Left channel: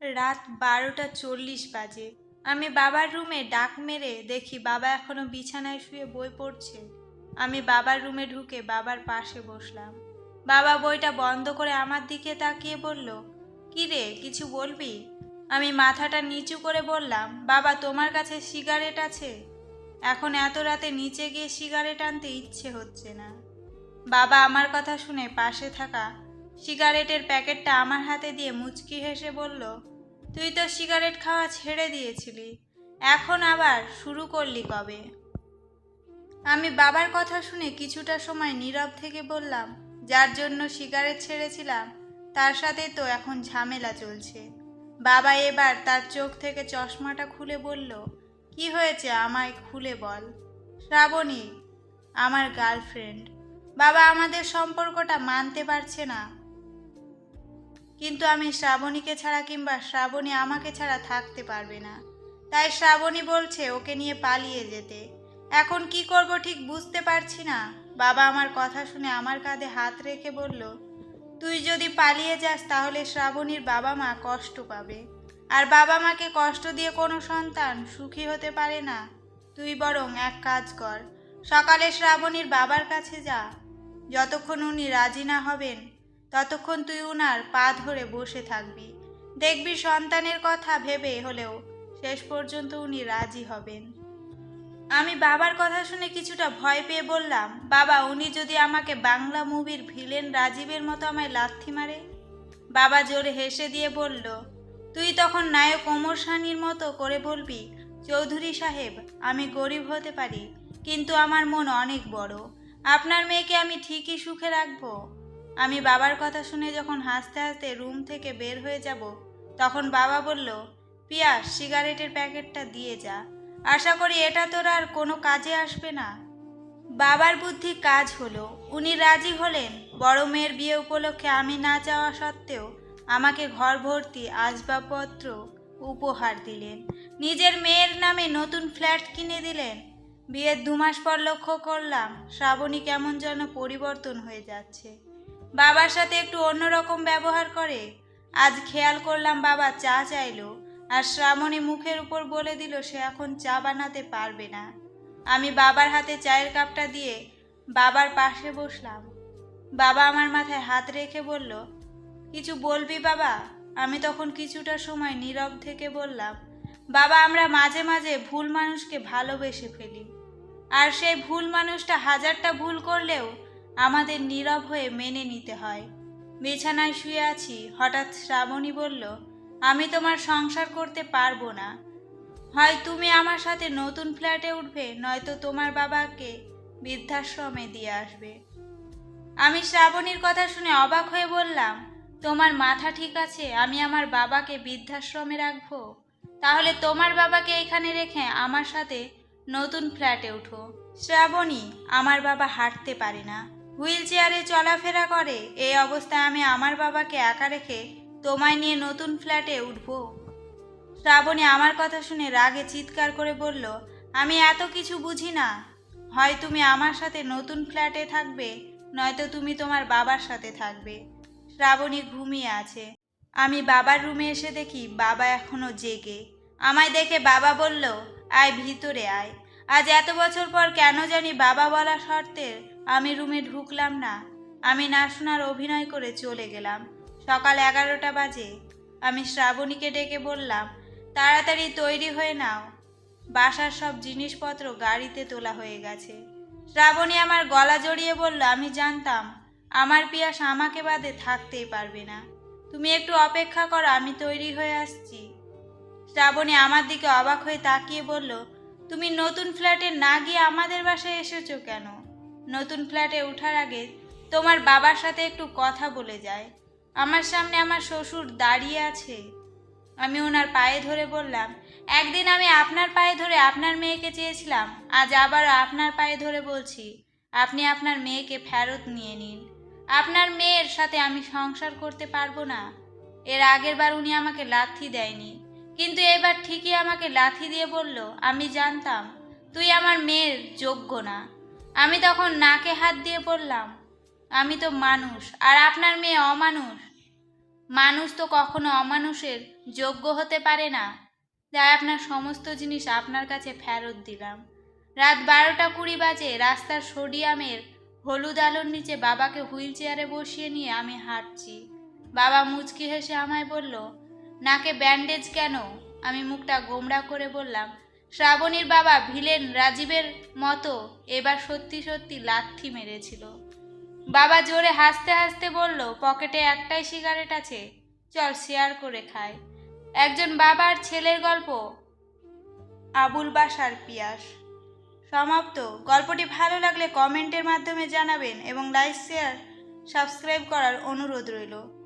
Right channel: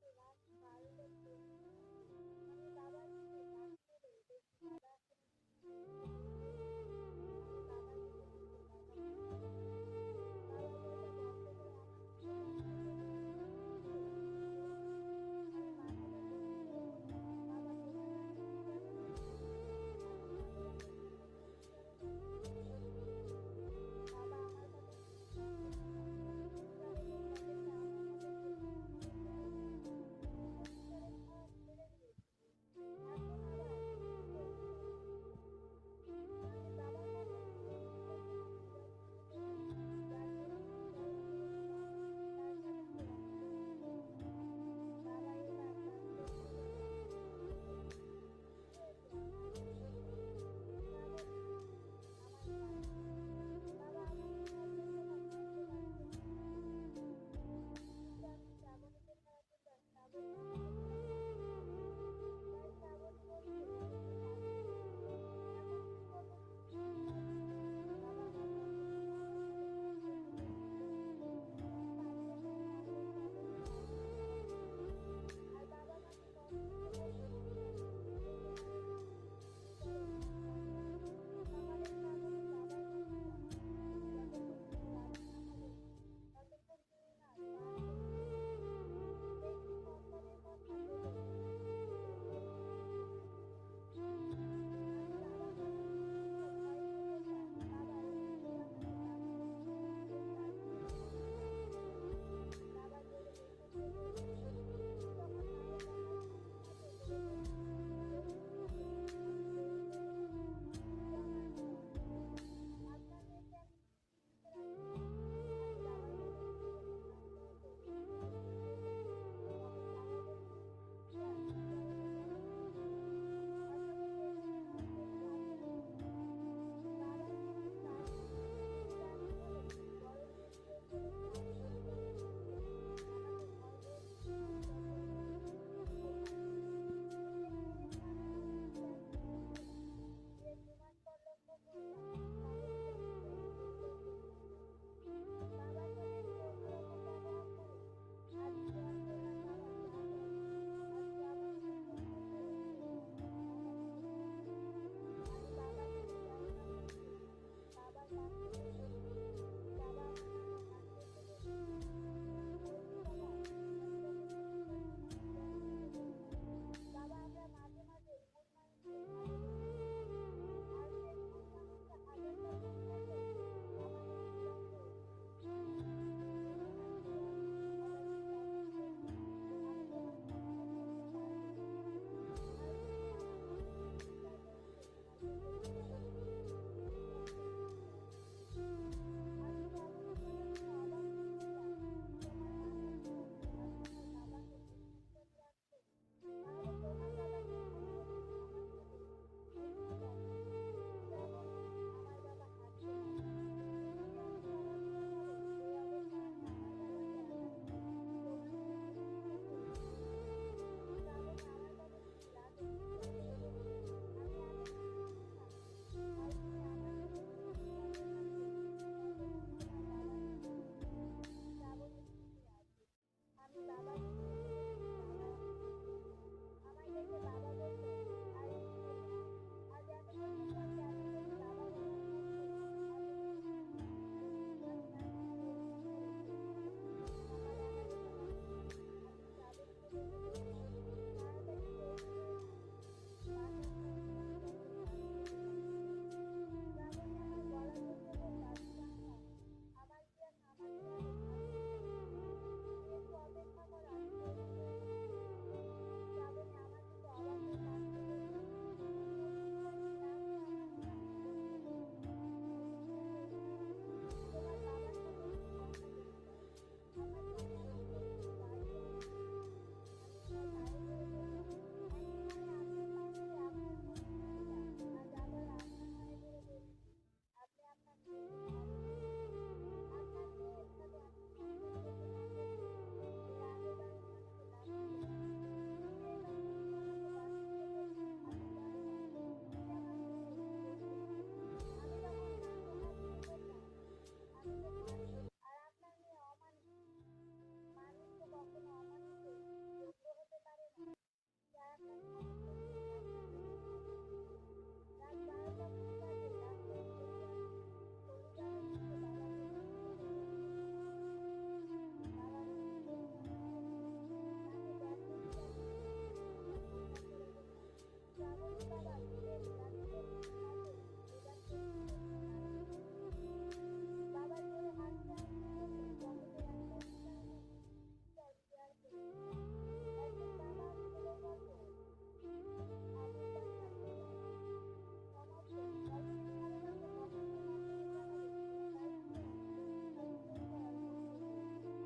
রাত বারোটা চল্লিশ বাজে। আমি বাবার রুমে ডাক মেরে দেখি বাবা এখনও বিছানায় শুয়ে বই পড়ছে। আমি বাবার রুমে ঢুকে বাবার পাশে বসলাম। বাবা বইটা বন্ধ করে আমার দিকে তাকিয়ে বলল, "কি রে, কিছু বলবি? আমি মাথাটা নিচু করে বললাম, বাবা, তোমার কাছে সিগারেট আছে? এখন এত রাতে নিচে গিয়ে সিগারেট আনতে ইচ্ছে হচ্ছে না। বাবা আমার কথা শুনে পাশে থাকা সিগারেটের প্যাকেটটা আমার হাতে দিয়ে মুচকি হেসে বলল, তুই তো সিগারেট খাওয়া ছেড়ে দিয়েছিলি, এখন আবার শুরু করলি কবে? আমি বাবার কথা শুনে কিছুটা সময় নীরব থেকে বললাম, যার জন্য সিগারেট ছেড়েছিলাম, তার সাথে তো এখন ঝামেলা চলছে। বাবা এবার তার চোখ থেকে চশমাটা খুলে বলল, কি হয়েছে আমায় খুলে বল। শ্রাবণী, আমার গার্লফ্রেন্ড, বাবা আমাদের সম্পর্কটা মানতে পারছে না। কিন্তু আমি শ্রাবণীকে ছাড়া কিংবা শ্রাবণী আমাকে ছাড়া থাকতে পারবে না। তাই শ্রাবণী বলছে, ওকে নিয়ে পালিয়ে যেতে। এখন কি করব ঠিক বুঝতে পারছি না। বাবা আমার কথা শুনে আমার কাঁধে হাত রেখে বলল, তুই যদি পালিয়ে যাস তাহলে শ্রাবণীর বাবা মা কষ্ট পাবে। আর বাবা মাকে কষ্ট দিয়ে কোনো সন্তান সুখী হতে পারে না। তুই বরং এক কাজ কর, সকালে শ্রাবণীর বাবার কাছে যা। যতক্ষণ উনি রাজি না হবেন ততক্ষণ তুই উনার পা ধরে বসে থাকবি। দেখবি সন্তানের কথা ভেবে হলেও শেষ পর্যন্ত উনি রাজি হবেন। আমি বাবার কথা শুনে কিছুটা ভয় পেয়ে বললাম, বাবা, উনি যদি আমাকে বাংলা মুভির ভিলেন রাজীবের মতো আমায় লাথি মারে? বাবা জোরে হেসে দিয়ে বলল, তুই তখন নায়ক ওমর সানির মতো করে বলবি, চৌধুরী সাহেব, আমি গরিব হতে পারি, কিন্তু আমার মন অনেক বড়। আপনার মেয়েকে আমি ঠিকই সুখে রাখব আমি বাবার কথা শুনে যখন হাসতে হাসতে রুম থেকে বের হয়ে যাব, তখন বাবা বলল পিয়াস সিগারেটের প্যাকেটটা দিয়ে যা। আশা করি এটা তোর আর কোনো কাজে আসবে না। বাবার বুদ্ধি কাজ হলো। উনি রাজি হলেন। বড় মেয়ের বিয়ে উপলক্ষে আমি না যাওয়া সত্ত্বেও আমাকে ঘর ভর্তি আসবাবপত্র উপহার দিলেন। নিজের মেয়ের নামে নতুন ফ্ল্যাট কিনে দিলেন। বিয়ের দু মাস পর লক্ষ্য করলাম, শ্রাবণী কেমন যেন পরিবর্তন হয়ে যাচ্ছে। বাবার সাথে একটু অন্যরকম ব্যবহার করে। আজ খেয়াল করলাম বাবা চা চাইলো, আর শ্রাবণী মুখের উপর বলে দিল সে এখন চা বানাতে পারবে না। আমি বাবার হাতে চায়ের কাপটা দিয়ে বাবার পাশে বসলাম। বাবা আমার মাথায় হাত রেখে বলল, কিছু বলবি বাবা? আমি তখন কিছুটা সময় নীরব থেকে বললাম, বাবা, আমরা মাঝে মাঝে ভুল মানুষকে ভালোবেসে ফেলি। আর সেই ভুল মানুষটা হাজারটা ভুল করলেও আমাদের নীরব হয়ে মেনে নিতে হয়। বিছানায় শুয়ে আছি, হঠাৎ শ্রাবণী বলল, আমি তোমার সংসার করতে পারব না। হয় তুমি আমার সাথে নতুন ফ্ল্যাটে উঠবে, নয়তো তোমার বাবাকে বৃদ্ধাশ্রমে দিয়ে আসবে। আমি শ্রাবণীর কথা শুনে অবাক হয়ে বললাম, তোমার মাথা ঠিক আছে, আমি আমার বাবাকে বৃদ্ধাশ্রমে রাখব? তাহলে তোমার বাবাকে এখানে রেখে আমার সাথে নতুন ফ্ল্যাটে উঠো। শ্রাবণী, আমার বাবা হাঁটতে পারে না। হুইল চেয়ারে চলাফেরা করে। এই অবস্থায় আমি আমার বাবাকে একা রেখে তোমায় নিয়ে নতুন ফ্ল্যাটে উঠব। শ্রাবণী আমার কথা শুনে রাগে চিৎকার করে বলল, আমি এত কিছু বুঝি না। হয় তুমি আমার সাথে নতুন ফ্ল্যাটে থাকবে, নয়তো তুমি তোমার বাবার সাথে থাকবে। শ্রাবণী ঘুমিয়ে আছে। আমি বাবার রুমে এসে দেখি বাবা এখনও জেগে। আমায় দেখে বাবা বলল, আয় ভিতরে আয়। আজ এত বছর পর কেন জানি বাবা বলা শর্তে আমি রুমে ঢুকলাম না। আমি না শোনার অভিনয় করে চলে গেলাম। সকাল এগারোটা বাজে। আমি শ্রাবণীকে ডেকে বললাম, তাড়াতাড়ি তৈরি হয়ে নাও। বাসার সব জিনিসপত্র গাড়িতে তোলা হয়ে গেছে। শ্রাবণী আমার গলা জড়িয়ে বলল, আমি জানতাম, আমার পিয়াস আমাকে বাদে থাকতেই পারবে না। তুমি একটু অপেক্ষা করো, আমি তৈরি হয়ে আসছি। শ্রাবণী আমার দিকে অবাক হয়ে তাকিয়ে বলল, তুমি নতুন ফ্ল্যাটে না গিয়ে আমাদের বাসায় এসেছ কেন? নতুন ফ্ল্যাটে ওঠার আগে তোমার বাবার সাথে একটু কথা বলে যায়। আমার সামনে আমার শ্বশুর দাঁড়িয়ে আছে। আমি ওনার পায়ে ধরে বললাম, একদিন আমি আপনার পায়ে ধরে আপনার মেয়েকে চেয়েছিলাম, আজ আবার আপনার পায়ে ধরে বলছি, আপনি আপনার মেয়েকে ফেরত নিয়ে নিন। আপনার মেয়ের সাথে আমি সংসার করতে পারব না। এর আগের বার উনি আমাকে লাথি দেয়নি। কিন্তু এবার ঠিকই আমাকে লাথি দিয়ে বলল, আমি জানতাম, তুই আমার মেয়ের যোগ্য না। আমি তখন নাকে হাত দিয়ে বললাম, আমি তো মানুষ, আর আপনার মেয়ে অমানুষ। মানুষ তো কখনো অমানুষের যোগ্য হতে পারে না। তাই আপনার সমস্ত জিনিস আপনার কাছে ফেরত দিলাম। রাত বারোটা কুড়ি বাজে রাস্তার সোডিয়ামের হলুদ আলোর নিচে বাবাকে হুইল চেয়ারে বসিয়ে নিয়ে আমি হাঁটছি। বাবা মুচকি হেসে আমায় বলল, নাকে ব্যান্ডেজ কেন? আমি মুখটা গোমড়া করে বললাম শ্রাবণীর বাবা ভিলেন রাজীবের মতো এবার সত্যি সত্যি লাথি মেরেছিল। বাবা জোরে হাসতে হাসতে বলল, পকেটে একটাই সিগারেট আছে, চল শেয়ার করে খাই। একজন বাবার ছেলের গল্প, আবুল বাসার পিয়াস। সমাপ্ত। গল্পটি ভালো লাগলে কমেন্টের মাধ্যমে জানাবেন এবং লাইক শেয়ার সাবস্ক্রাইব করার অনুরোধ রইল।